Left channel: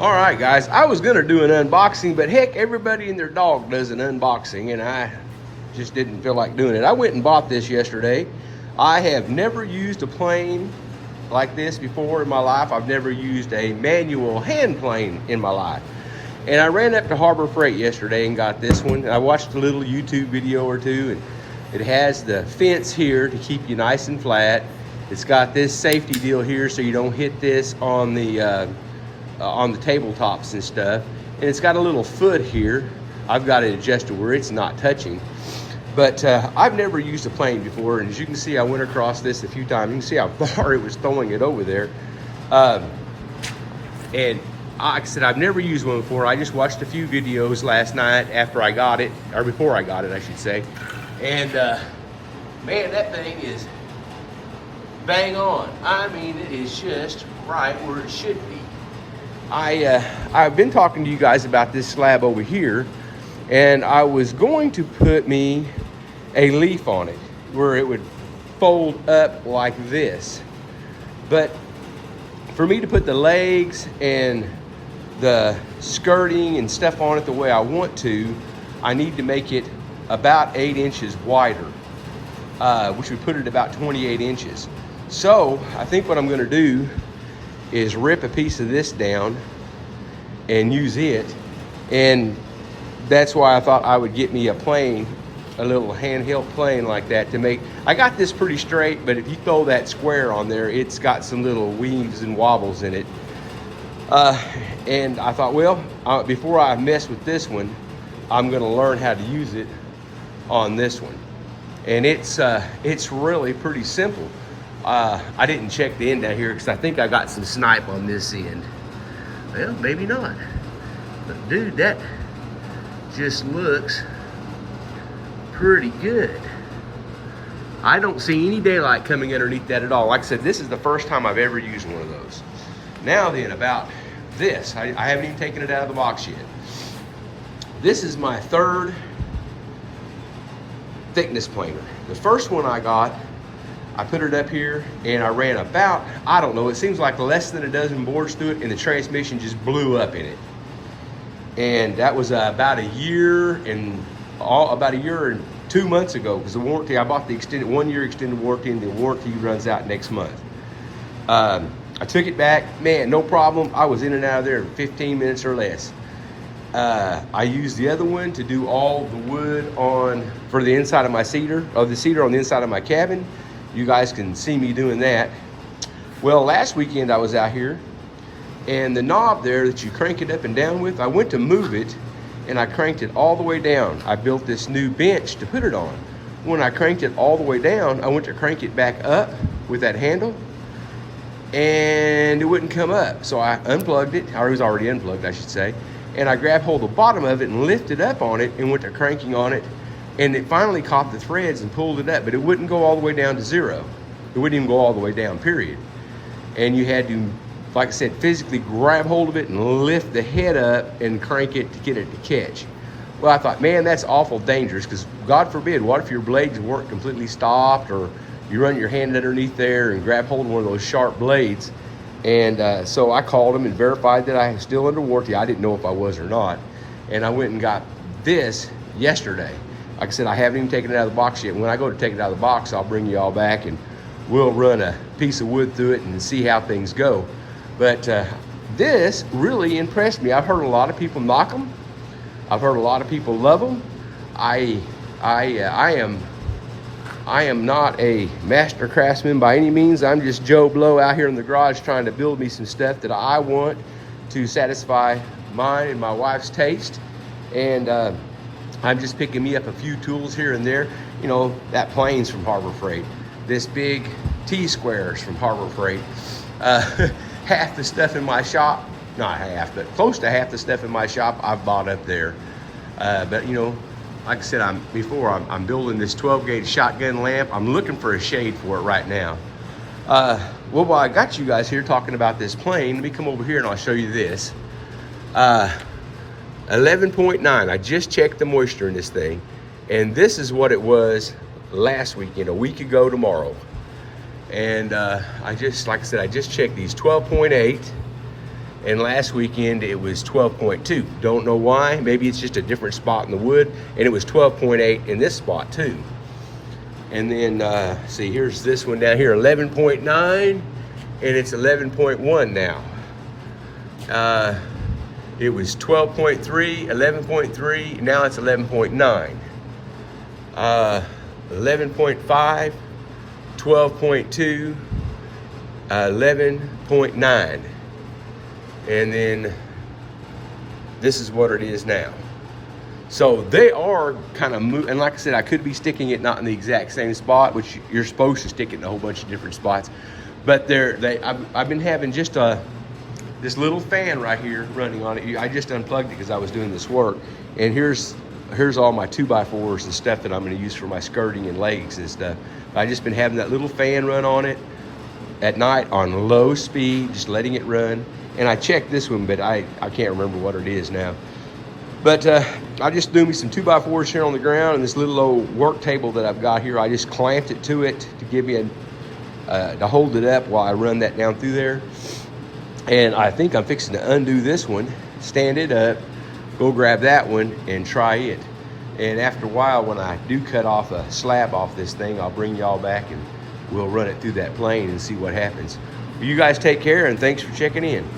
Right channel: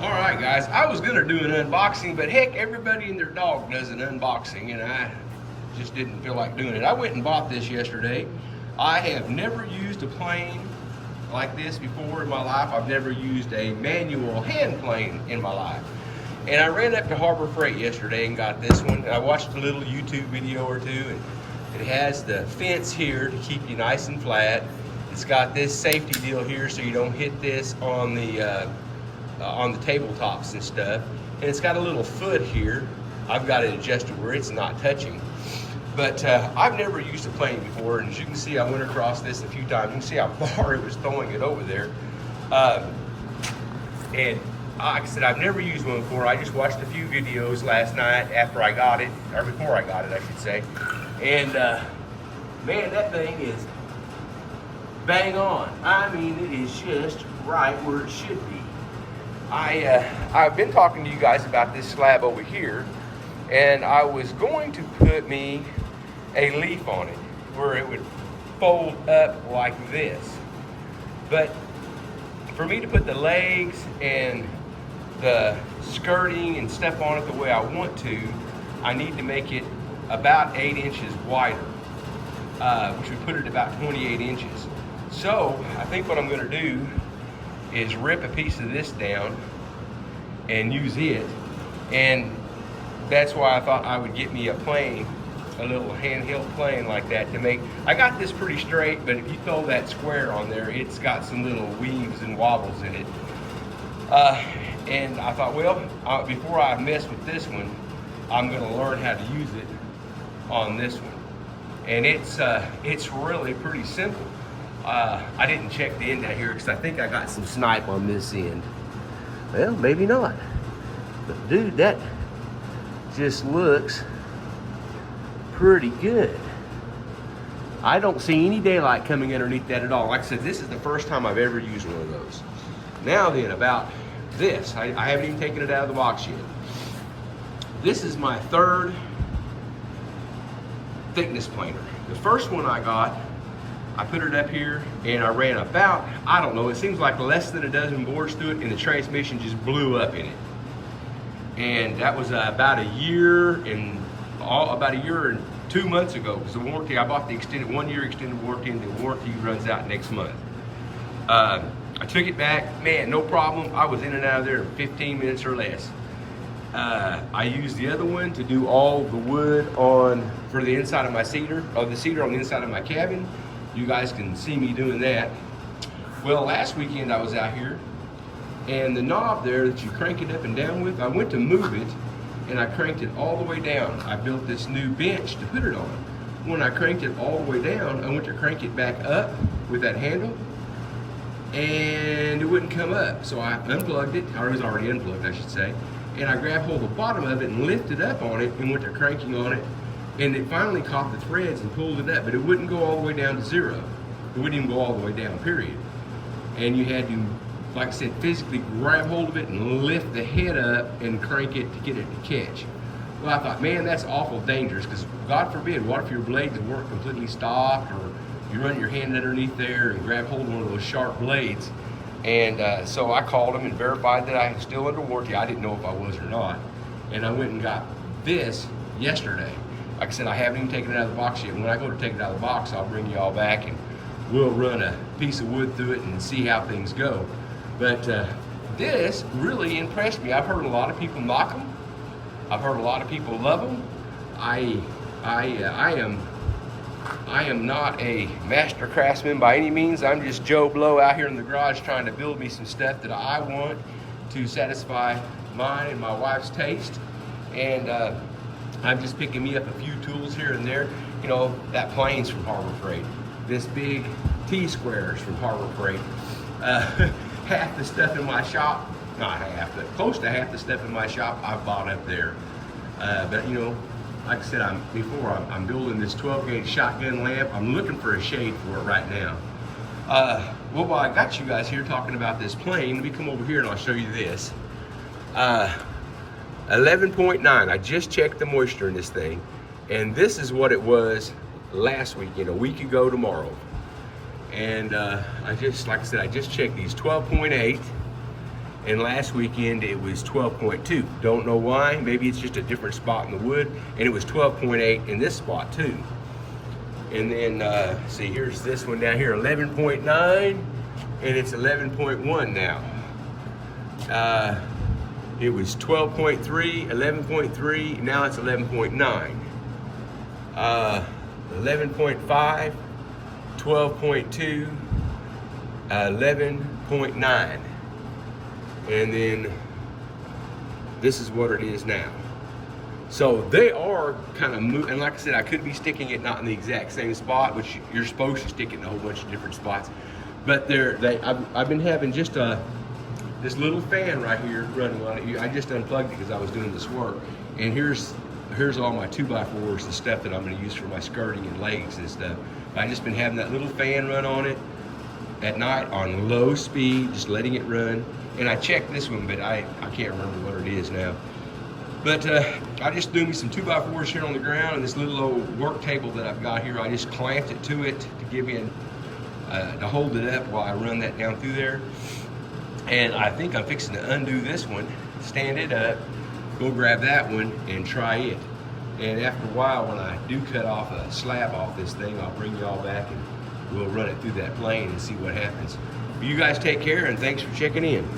All right, guys, I was gonna do an unboxing, but heck, everybody and their dog does an unboxing, and I just didn't feel like doing it. I went and bought this yesterday. I have never used a plane like this before in my life. I've never used a manual hand plane in my life. And I ran up to Harbor Freight yesterday and got this one. I watched a little YouTube video or two, and it has the fence here to keep you nice and flat. It's got this safety deal here so you don't hit this on the tabletops and stuff. And it's got a little foot here. I've got it adjusted where it's not touching. But I've never used a plane before, and as you can see, I went across this a few times. You can see how far it was throwing it over there. And like I said, I've never used one before. I just watched a few videos last night after I got it, or before I got it, I should say. And man, that thing is bang on. I mean, it is just right where it should be. I've been talking to you guys about this slab over here, and I was going to put me a leaf on it where it would fold up like this. But for me to put the legs and the skirting and stuff on it the way I want to, I need to make it about 8 inches wider, which would put it about 28 inches. So I think what I'm gonna do is rip a piece of this down and use it. And that's why I thought I would get me a plane, a little handheld plane like that to make. I got this pretty straight, but if you throw that square on there, it's got some little weaves and wobbles in it. And I thought, well, before I mess with this one, I'm gonna learn how to use it on this one. And it's really pretty simple. I didn't check the end out here because I think I got some snipe on this end. Well, maybe not. But dude, that just looks pretty good. I don't see any daylight coming underneath that at all. Like I said, this is the first time I've ever used one of those. Now then, about this. I haven't even taken it out of the box yet. This is my third thickness planer. The first one I got, I put it up here and I ran about, I don't know, it seems like less than a dozen boards through it, and the transmission just blew up in it. And that was about a year and 2 months ago, because the warranty, I bought the extended 1 year extended warranty, and the warranty runs out next month. I took it back, man, no problem. I was in and out of there in 15 minutes or less. I used the other one to do all the wood for the inside of my cedar, the cedar on the inside of my cabin. You guys can see me doing that. Well, last weekend I was out here, and the knob there that you crank it up and down with, I went to move it and I cranked it all the way down. I built this new bench to put it on. When I cranked it all the way down, I went to crank it back up with that handle, and it wouldn't come up. So I unplugged it, or it was already unplugged, I should say, and I grabbed hold of the bottom of it and lifted up on it and went to cranking on it, and it finally caught the threads and pulled it up, but it wouldn't go all the way down to zero. It wouldn't even go all the way down, period. And you had to, like I said, physically grab hold of it and lift the head up and crank it to get it to catch. Well, I thought, man, that's awful dangerous, because God forbid, what if your blades weren't completely stopped, or you run your hand underneath there and grab hold of one of those sharp blades. And so I called them and verified that I was still under warranty. I didn't know if I was or not. And I went and got this yesterday. Like I said, I haven't even taken it out of the box yet. When I go to take it out of the box, I'll bring you all back and we'll run a piece of wood through it and see how things go. But this really impressed me. I've heard a lot of people knock them. I've heard a lot of people love them. I am not a master craftsman by any means. I'm just Joe Blow out here in the garage trying to build me some stuff that I want to satisfy mine and my wife's taste. And I'm just picking me up a few tools here and there. You know, that plane's from Harbor Freight. This big T-square's from Harbor Freight. Half the stuff in my shop, not half, but close to half the stuff in my shop I've bought up there. But you know, like I said, I'm building this 12-gauge shotgun lamp. I'm looking for a shade for it right now. Well, while I got you guys here talking about this plane, let me come over here and I'll show you this. 11.9, I just checked the moisture in this thing, and this is what it was last weekend, a week ago tomorrow. And I just, like I said, I just checked these, 12.8, And last weekend it was 12.2. Don't know why. Maybe it's just a different spot in the wood. And it was 12.8 in this spot too. And then see, here's this one down here, 11.9, and it's 11.1 now. It was 12.3, 11.3, now it's 11.9. 11.5, 12.2, 11.9. And then this is what it is now. So they are kind of moving, and like I said, I could be sticking it not in the exact same spot, which you're supposed to stick it in a whole bunch of different spots. But I've been having just this little fan right here running on it. I just unplugged it because I was doing this work. And here's all my 2x4s and stuff that I'm going to use for my skirting and legs and stuff. I've just been having that little fan run on it at night on low speed, just letting it run. And I checked this one, but I can't remember what it is now. But I just threw me some 2x4s here on the ground, and this little old work table that I've got here, I just clamped it to it to give me to hold it up while I run that down through there. And I think I'm fixing to undo this one, stand it up, go grab that one and try it. And after a while, when I do cut off a slab off this thing, I'll bring y'all back and we'll run it through that plane and see what happens. You guys take care, and thanks for checking in.